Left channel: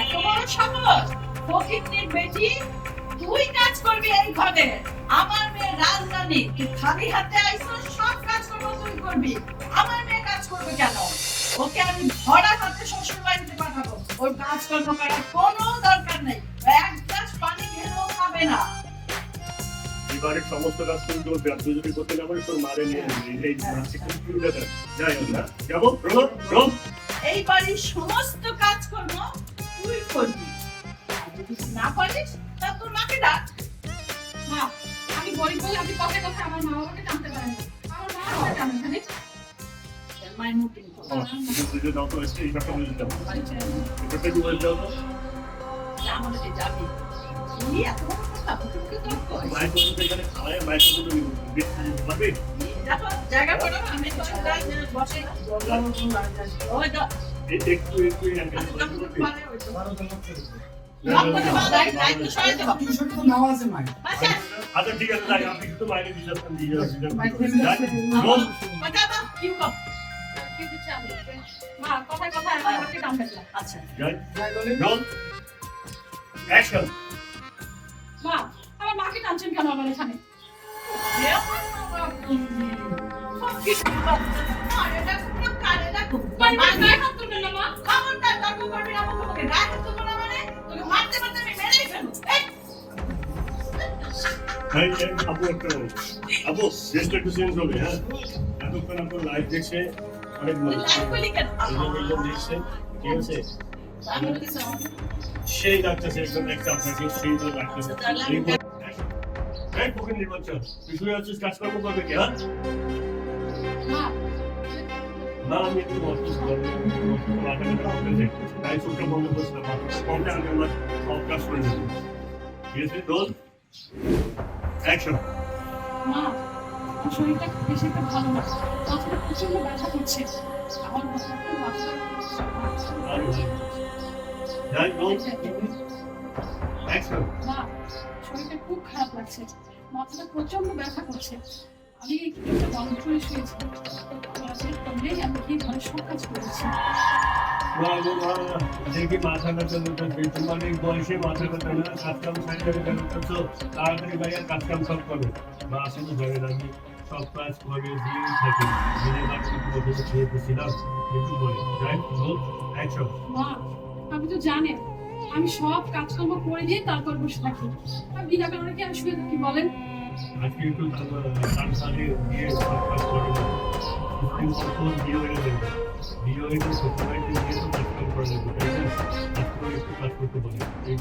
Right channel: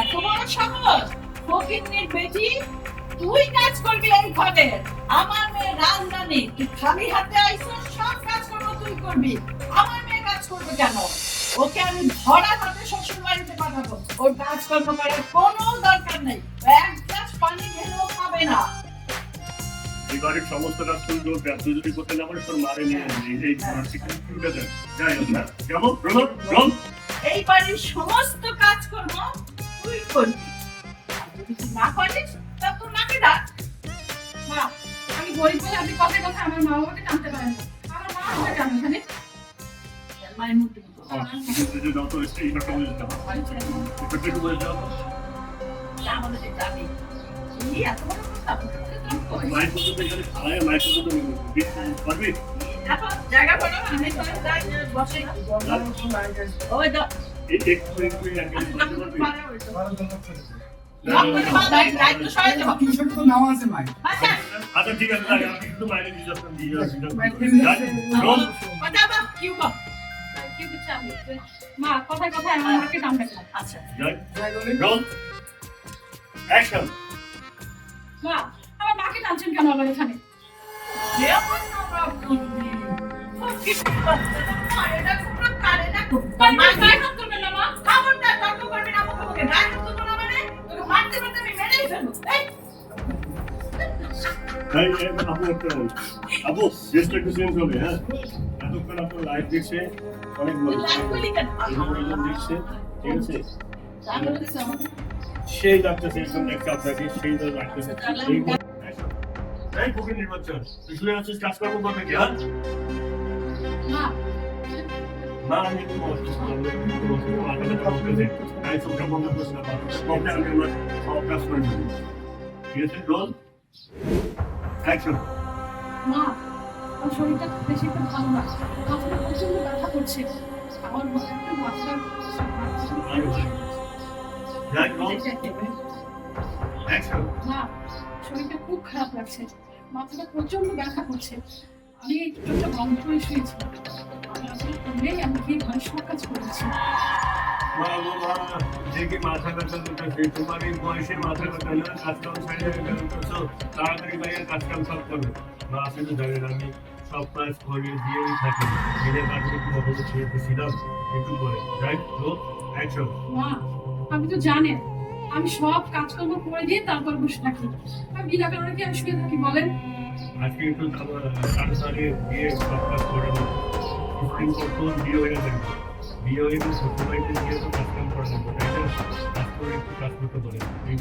এত বড় সাহস! ফকিন্নির বেটি, তুই কাজ করবি এই ঘরে। আমার মেয়ে রাজরানী, তুই খালি হাতে আইছো, সব কাজ করবো তুই করবি। আমার মেয়ে কাজ করবে কেন? ওকে আমি ধরা হাতে শ্বশুর বাড়িতে পাঠাবো। ওর কাজকর্ম করার কোনো দরকার নেই। এক গ্লাস পানি খেলেও খাবে না। এবারের সমস্ত কাজ তুমি করবে, আর তুই যদি করতে না পারিস তোর মারে নিয়ে আসবি। এই মানসিক কম্পিউটার দেন যাই হোক না যাবো রোল রোল। এই বাড়ির সমস্ত কাজকর্ম তুই করবি। আর যদি তুই না পারিস তা তোর মাকে ডাক। মা, আমি গরিব বলে আপনি কথায় কথায় আমার মা বাবাকে জানতে পারেন না। আমার মা আমাকে জানেন জানি। মায়ের মুখ কিন্তু যদি দাও তো এই ব্যাপারটা বলে দিতে হবে। এটা একটু বলে দাও তো। আমাদের যে যাবি এই এত বড় কথা তোকে তো কই। মায়ের কথা তো এখানে খাওয়ায়, মায়ের কথা তো পারবি? দেখো জায়গা করো, আমি তো যাই বসে ওই তো একটু একটু একদম বলতে পারবি? পারে ওই তো আমাদের বাড়ি দায়িত্ব সরাইতে হবে। আচ্ছা আচ্ছা ঠিক আছে, তাই আপনি কিন্তু বাইরে দিয়ে যাচ্ছেন, দিয়ে যাচ্ছেন। রোল কথা বা কি গো কি দিচ্ছে আমি মা, কথায় কথায় আমার মাকে জানবেন না। আচ্ছা যাই রোল অ্যাকশন। মা, আমার মাকে টানছেন কেন আমার এখানে? যে আমার প্রবলেম কি আরে না কোন কারে না কোন মা, গায়ে হাত তুলবেন না মা। খবরদার তর্ক করবি না মুখে মুখে গায়ে হাত তুলবো না মানে তোকে মারতে মারতে আমি মেরেই ফেলবো। এই এই আপু একটা আপু রেস্ট একটু চেঞ্জ হবে। হ্যাঁ এতক্ষণ আপনার লাইভ দেখছে অনেক ভালো লাইভ বলি কেন দেখছে, ঠিক আছে? আমি বলছি সেই ডাক্তার একদম একটা আপনাকে সেই তো ডাক্তার এই বুকের নির্বাচন তুই শুয়ে আছিস, কাজকর্ম করবে কি? হ্যাঁ মা, না আমি একটু অসুস্থ, আমি একটু অসুস্থ, মাথা ব্যথা করতেছে, তাই চোখটা বন্ধ করছি না, কমলে আমি আমার সব কাজ করে দেবো। ঠিক আছে রোল অ্যাকশন। মা, আমার শরীরটা বেশি একটা ভালো না। মাথাটা প্রচন্ড ব্যথা করছে। আমার মনে হয় একটু মাথাটা যাই রোল অ্যাকশন। মা, শরীরটা খুব খারাপ লাগছে। মাথাটা প্রচন্ড ব্যথা করছে। আমি একটু একটা বন্ধ করে শুয়েছি। আমি কি ঘরে সব কাজ করেছি। দেখি মাথা ব্যথা করতেছে, তোমার এই বয়সে মাথা ব্যথা হলে কাজকাম সাইডে করতেছো, তাড়াতাড়ি বাইরের কাজকাম সব করবে। মা আসলে ভেবে আমি সব কাজ করে দিয়েই থাকি, নিজের কাজকে একটু কত খেয়েছিলাম একটু বলে যাই রোল অ্যাকশন। মা, আপনি তো জানেন আমি সব কাজকর্ম করে দিয়ে তারপর বসে থাকি। আর বিনা কারণে কি আমি শুয়ে থাকি বলেন? আজকে একটু তাড়াতাড়ি গিয়ে সব কাজ করে নেবো, কিছুদিন পর তো বিয়ে হয়ে যাবে, বিয়ে হয়ে শ্বশুর বাড়িতে গিয়ে তো কাজকাম করে নেবো, তাই না? কাজ করে একটু কাজ করতে বলে এই